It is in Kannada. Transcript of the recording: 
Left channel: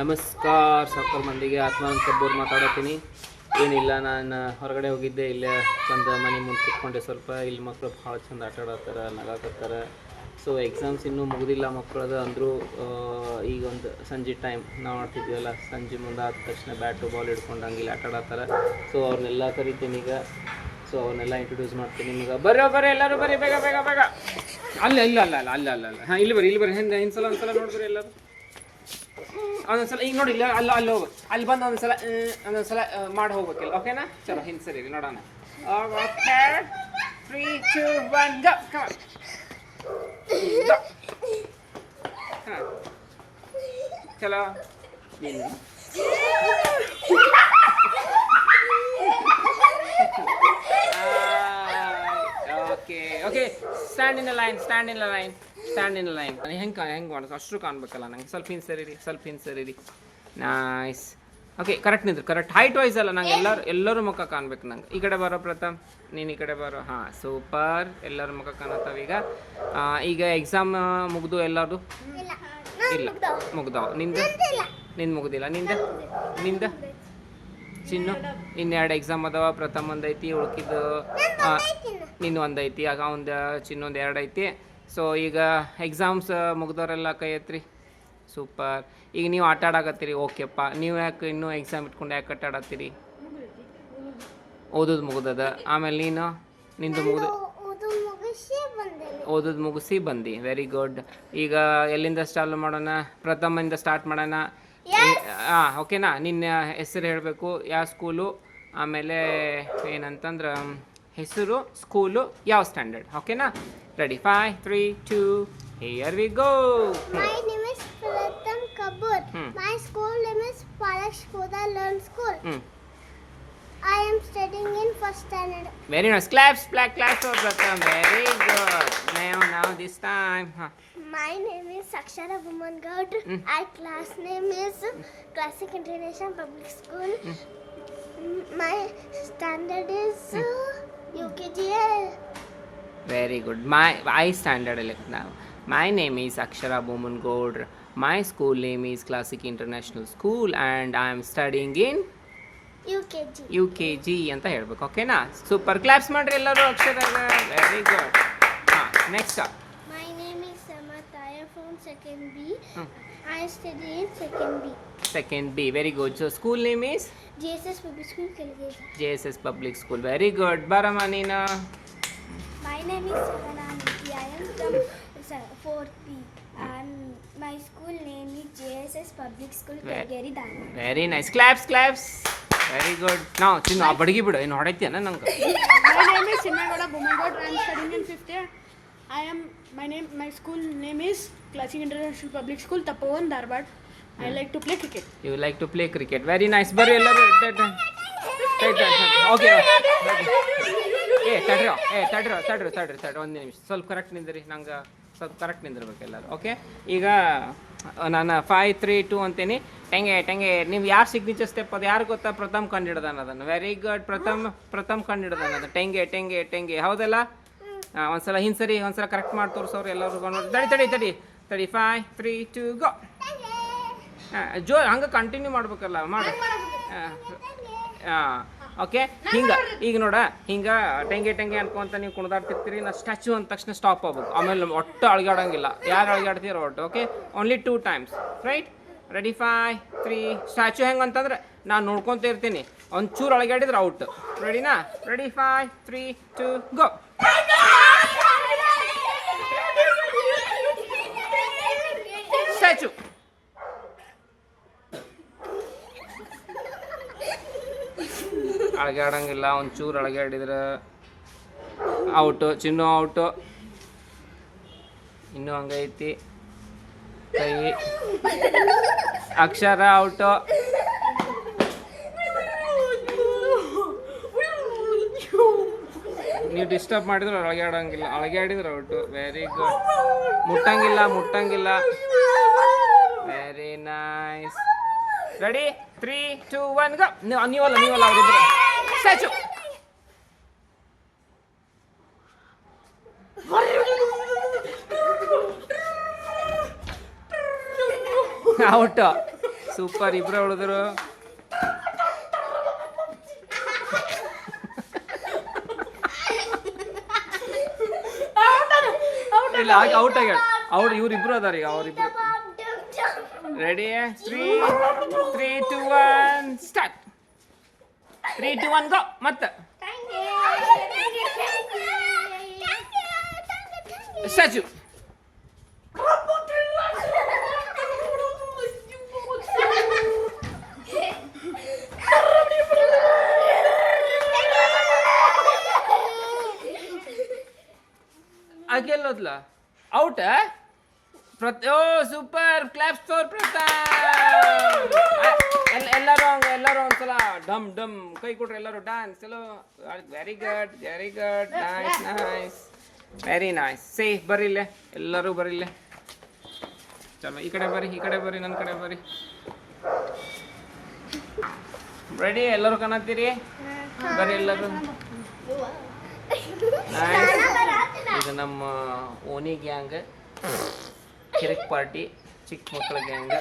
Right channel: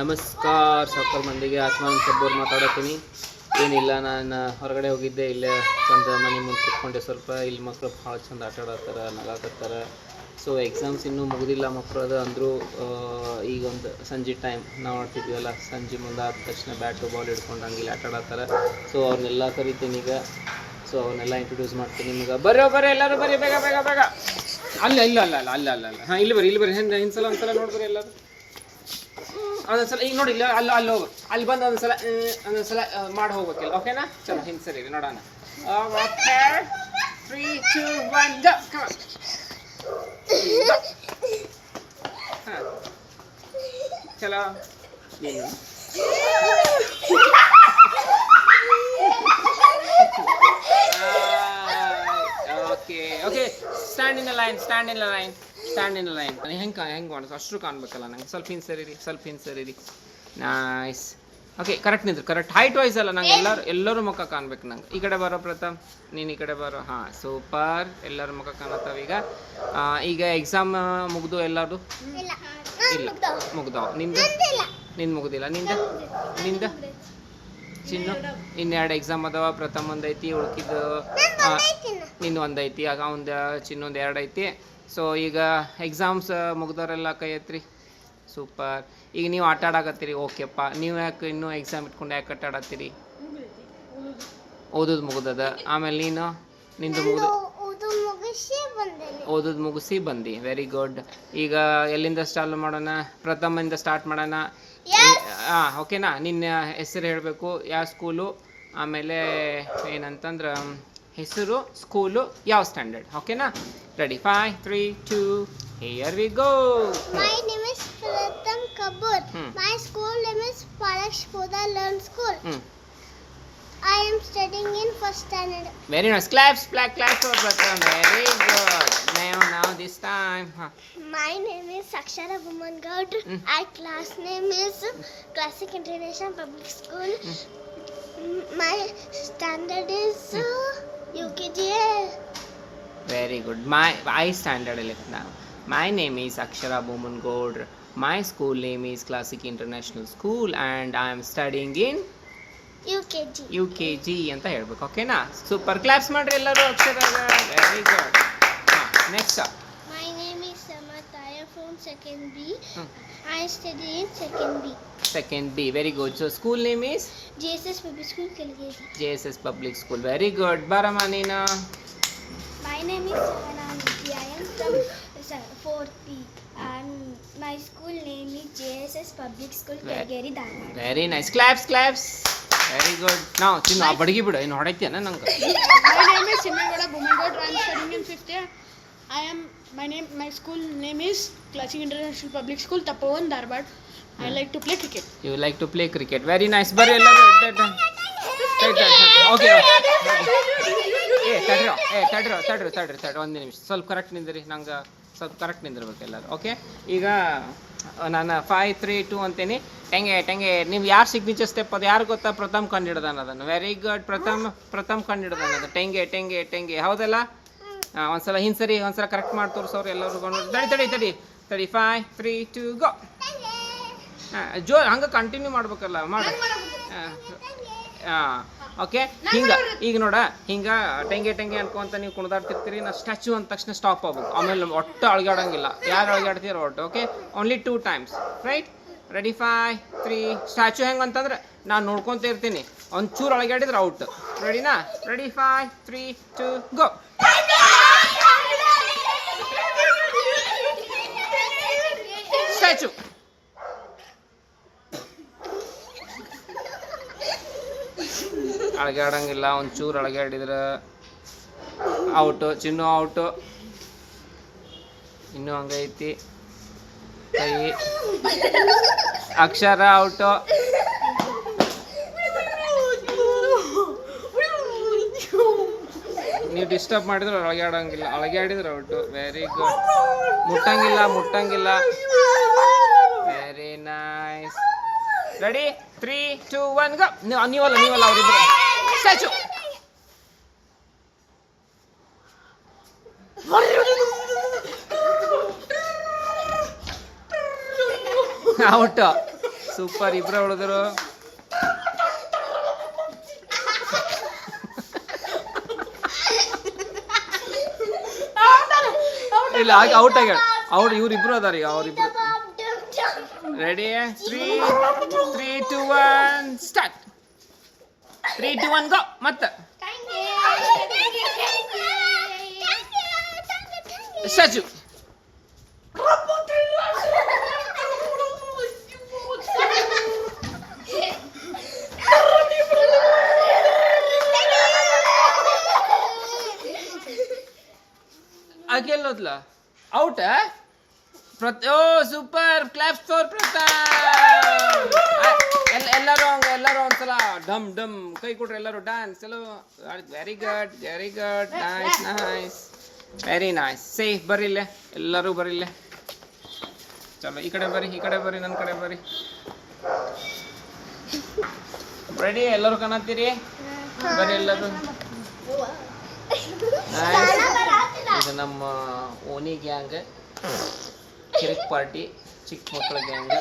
ನಮಸ್ಕಾರ ಸಾಕರ್ ಮಂದಿಗೆ. ಆತ್ಮಾನಂದ ಕಬ್ಬೂರ್ ಮಾತಾಡತ್ತೀನಿ. ಏನಿಲ್ಲ, ನಾನು ಹೊರಗಡೆ ಹೋಗಿದ್ದೆ. ಇಲ್ಲೇ ಒಂದು ಮನೆ ಮುಂದೆ ಕೂತ್ಕೊಂಡೆ. ಸ್ವಲ್ಪ ಇಲ್ಲಿ ಮಕ್ಕಳು ಭಾಳ ಚಂದ ಆಟ ಆಡತ್ತಾರ, ನಗಾಕತ್ತಾರ. ಸೊ ಎಕ್ಸಾಮ್ಸ್ ಇನ್ನೂ ಮುಗಿದಿಲ್ಲ ಮಕ್ಕಳದು ಅಂದರೂ. ಈಗ ಒಂದು ಸಂಜೆ ಟೈಮ್ ನಾವು ಆಡ್ತಿದ್ವಲ್ಲ, ಸಂಜೆ ಮುಂದೆ ಆದ ತಕ್ಷಣ ಬ್ಯಾಟು ಬಾಲ್ ಹಿಡ್ಕೊಂಡು ಹಂಗೆ ಇಲ್ಲಿ ಆಟ ಆಡತ್ತಾರ. ಸೊ ಅವ್ರನ್ನೆಲ್ಲ ಕರಿತೀನಿ ಈಗ. ಸೊ ಅವನ್ನೆಲ್ಲ ಇಂಟ್ರೊಡ್ಯೂಸ್ ಮಾಡ್ತೀನಿ ನಿಮ್ಗೆ. ಬರ್ರಿ ಎಲ್ಲರೂ ಬರ್ರಿ, ಬೇಗ ಬೇಗ ಬೇಗ. ಅಲ್ಲ ಹಾಂ, ಇಲ್ಲಿ ಬರ್ರಿ ಹಿಂಸಲ ಒಂದ್ಸಲ ನೋಡ್ಬರಿ ಎಲ್ಲರೂ. ಒಂದೊಂದ್ಸಲ ಈಗ ನೋಡಿ, ಇಲ್ಲ ಅಲ್ಲಿ ಹೋಗ್ಬೇಕು. ಅಲ್ಲಿ ಬಂದು ಒಂದೊಂದ್ಸಲ ಮಾಡಿ ಹೋಗ್ಬೇಕಿಲ್ಲ. ಓಕೆನಾ? ಚಲೋ ಹಿಂದೆ ಸರಿ ನೋಡೋಣ. Okay, 3, 2, 1 go. ಹಾಂ, ಚಲೋ. Okay, stand in line. ಹೆಂಗೆ ಮಾಡೋದು? ಅಷ್ಟು ಕಾಣ್ಬೇಕಲ್ಲ ನಂಗೆ. ಸ್ವಲ್ಪ ಹಿಂದೆ ಸರಿರಿ. ನೈಸ್. ಓಕೆ, ಕರೆಕ್ಟ್ ನಿಂದ್ರು. ಕರೆಕ್ಟ್ ಹೈಟ್ ವೈಸ್ ಅಲ್ಲ, ನಂಗೆ ಎಲ್ಲರೂ ಮುಖ ಕಾಣ್ಬೇಕು ನಂಗೆ. ಈ ಕಡೆ ಬರೋ ಪ್ರಥಮ್, ನೀನು ಈ ಕಡೆ ಬರೋ. ಹಾಂ, ಸೂಪರ್. ಎಲ್ಲರ ಮುಖ ಕಾಣತ್ತಾವ ಈಗ ಎಕ್ಸಾಮ್ ಮುಗ್ದು ಎಲ್ಲದು? ಇಲ್ಲ, ಮುಗ್ದಾವ. ನಿಂದು ಮುಗ್ದಿಲ್ಲ. ನಿಂದ ಚಿನ್ನು ಇನ್ನೆರಡು ಎಕ್ಸಾಮ್ ಅದಾವ. ಪ್ರಥಮ್ ಒಂದು ಐತಿ, ಉಳ್ಕಿದ್ದು ನಿನ್ನ ಒಂದು ಐತಿ. ಆಗ ಒಂದು ಚಿನ್ನೊಂದು 2 ಐತಿ. ಸೊ ಈಗ ಎಕ್ಸಾಮ್ಸ್ ಮುಗ್ದವರೆಲ್ಲ ಕೈ ಎತ್ರಿ. ಸೂಪರ್. ಈಗ ನೀವು ಆಟ ಆಡಕತ್ತೀರಿ. ಓಕೆಪ್ಪ. ನೀವು ಯಾಕೆ ಇನ್ನೂ ಎಕ್ಸಾಮ್ ಇಟ್ಕೊಂಡು ಯಾಕೆ ಆಟ ಆಡತ್ತೀರಿ? ಓದೋದು ಮುಗ್ದದ. ಆಮೇಲೆ ನಿಂದು ಓದೋದು ಮುಗಿಸಿ ಬಂದು. Very good. ಈಗ ಎಲ್ಲಿಂದ ಚಾಲು ಮಾಡೋಣ? ಪ್ರಥಮದಿಂದ ಸ್ಟಾರ್ಟ್ ಮಾಡೋಣ. ಹಾಂ, ಓಕೆನಾ? ನಿನ್ನ ಹೆಸರು ಹೇಳಬೇಕು, ಯಾವ ಸ್ಕೂಲು, ಆಮೇಲೆ ಏನಂತಂದ್ರೆ ಹೆಸರು, ಸ್ಕೂಲು, ಯಾವ ಸ್ಟ್ಯಾಂಡರ್ಡ್. ಓಕೆನಾ? Ready? 5, 3, 2, here we go. My name is Pratham Kabur. My school name is Palash Poda Learn School. I am studying in first standard. Very nice. Claps for Pratham. Very good. Now this time. My name is Akshara Bhuman Gaud. My class name is Classic International Public School. My standard is UKG. Very good. I standard now. My name is Akshara Bhuman Gaud. My school name is Classic International School and I am studying in UKG ಅಂತ ಹೇಳ್ಬೇಕು. ಓಕೆನಾ? ಸೂಪರ್. ಕ್ಲಾಪ್ಸ್ ಮಾಡ್ರಿ ಎಲ್ಲರೂ ಅಕ್ಷರಾಗ. Very good. Next. My name is Samat. I am from second B. I study in second B. Very good. So school name is JSS Public School Kelgeri. JSS Public School. Very good. Barama Nina. My name is Savana Niti. I am from 4th B. And my school name is JSS Public School Kelgeri Dharwad. Very nice. Claps. Very good. Now, ಚಿನ್ನ ಬಡಗಿ ಬಿಡು. ಏನು ಹೊಡೈತಿಯನ ನಂಗೆ? My name is Sinnagoda Bhumangoda. I am studying in 5th year. My school name is Classic International Public School, Tapovan, Dharwad. I like to play cricket. You like to play cricket. Very nice. ಬರ್ರಿ ಎಲ್ಲರೂ. ಓಕೆ. ತಡ್ರಿ. ಒಂದು ನಿಮಿಷ. ಸ್ವಲ್ಪ ಕರೆಕ್ಟ್ ನಿಂದ್ರಿ. ನಂಗೆ ಸ್ವಲ್ಪ ಕರೆಕ್ಟ್ ನಿಂದಿರ್ಬೇಕು ಎಲ್ಲರೂ. ಓಕೆ, ಈಗ ನಾನು 5, 3, 2 ಅಂತೀನಿ. ಟೆಂಗೆ ನೀವು ಯಾರು ಸಿಗ್ನೇಚರ್ ಸ್ಟೆಪ್ ಅದು ಯಾರು ಗೊತ್ತಾ? ಪ್ರಥಮ್ ಕಂಡಿಡ್ದಾನ ಅದನ್ನು. Very good. ಪ್ರಥಮ್ ಕಂಡಿಡ್ದಾನ ಅದು. ಟೆಂಗೆ ಹೌದಲ್ಲ? ಒಂದ್ಸಲ ಹಿಂಸರಿ, ಒಂದ್ಸಲ ಕರೆಕ್ಟ್ ಮಾಡಿ ತೋರಿಸೋರು ಎಲ್ಲರೂ. ತಡಿ. 5, 3, 2 ಗೋ. ಹಂಗೆ ಕಂಟಿನ್ಯೂ ಮಾಡ್ಬೇಕಲ್ಲ. ಮಾಡು. ಓಕೆ, ಈಗ ನೋಡ, ಹಿಂಗೆ ಟೆಂಗೆ ಅನ್ಕೊಂತ ನೀವು ಕುಣಿದಾಡ್ತಿರ್ತೀರಿ. ನಾ ಸ್ಟ್ಯಾಚು ಅಂದ ತಕ್ಷಣ ಸ್ಟಾಪ್ ಆಗ್ಬೇಕು. ಆಮೇಲೆ ಒಟ್ಟು ಅಳಗಾಡಂಗಿಲ್ಲ. ಯಾರು ಅಳಗಾಡ್ತೀರೋ ಒಟ್ಟು. Okay, only 2 times. Right? Ready? 5, 3. Statue ಹೆಂಗೆ ಅಂತಂದ್ರೆ ನಾನು ನೋಡ್ಕೊತ ಇರ್ತೀನಿ. ಒಂಚೂರು ಅಳಗಾಡಿದ್ರೆ ಔಟ್. ರೆಡಿನಾ? ರೆಡಿ? 5, 3, 2 ಗೋ. ಸ್ಟ್ಯಾಚು. ಅಳಗಾಡಂಗಿಲ್ಲ. ಒಂಚೂರು ಅಳಗಾಡಿದ್ರೆ ಔಟು. ಚಿನ್ನು ಔಟು. ಇನ್ನೂ ಹಂಗೈತಿ ಕೈ. ಅಕ್ಷರ ಔಟು. ನೀವು ಡಿಸ್ಟರ್ಬ್ ಮಾಡಿದ್ರೆ ಅಳಗಾಡಂಗಿಲ್ಲ. ಅಳಗಾಡಿದ್ರೆ ಔಟು. Very good. ಮುಟ್ಟಂಗಿಲ್ಲ. Very nice. ರೆಡಿ? 3, 2, 1 ಗೋ. ನೀವಲ್ಲ ಅವರಿಬ್ರು. ಸ್ಟ್ಯಾಚು. ಔಟ್. ಸೂಪರ್ ಇಬ್ರು ಉಳಿದ್ರು. ಇಲ್ಲ ಔಟ್ ಆಗ್ಯಾಳ. ಇವ್ರಿಬ್ರು ಅದಾರ ಈಗ ಅವ್ರಿಬ್ರು. Ready 3 2 1 start. 3 2 1 ಗೋ. ಮತ್ತೆ ಸ್ಟ್ಯಾಚು. ಗೆಲ್ಲೋದ್ಲ ಔಟ್. ಓ ಸೂಪರ್, ಕ್ಲಾಪ್ಸ್ ಫಾರ್ ಪ್ರತಾಪ್. ಎಲ್ಲರೂ ಒಂದ್ಸಲ ಡಮ್ ಡಮ್ ಕೈ ಕೊಟ್ರೆ ಎಲ್ಲರೂ ಡ್ಯಾನ್ಸ್. ಚಲೋ, very good nice very nice. Say ಬರ್ರಿ ಇಲ್ಲೇ, ಎಲ್ಲರೂ ಬರ್ರಿ ಇಲ್ಲೇ. ಚಲೋ ಈ ಕಡೆ ಬರ್ರಿ ನನ್ನ ಕಡೆ ಬರ್ರಿ. ರೆಡಿ ಎಲ್ಲರೂ ಕಾಣತ್ತೀರಿ? ಬರ್ರಿ ಎಲ್ಲರೂ. ಇದು ನಮ್ಮ ಓನಿ ಗ್ಯಾಂಗ್, ಕಿರಿಕ್ ಪಾರ್ಟಿ, ಚಿಕ್ಕ ಮಕ್ಕಳ ಗ್ಯಾಂಗ್.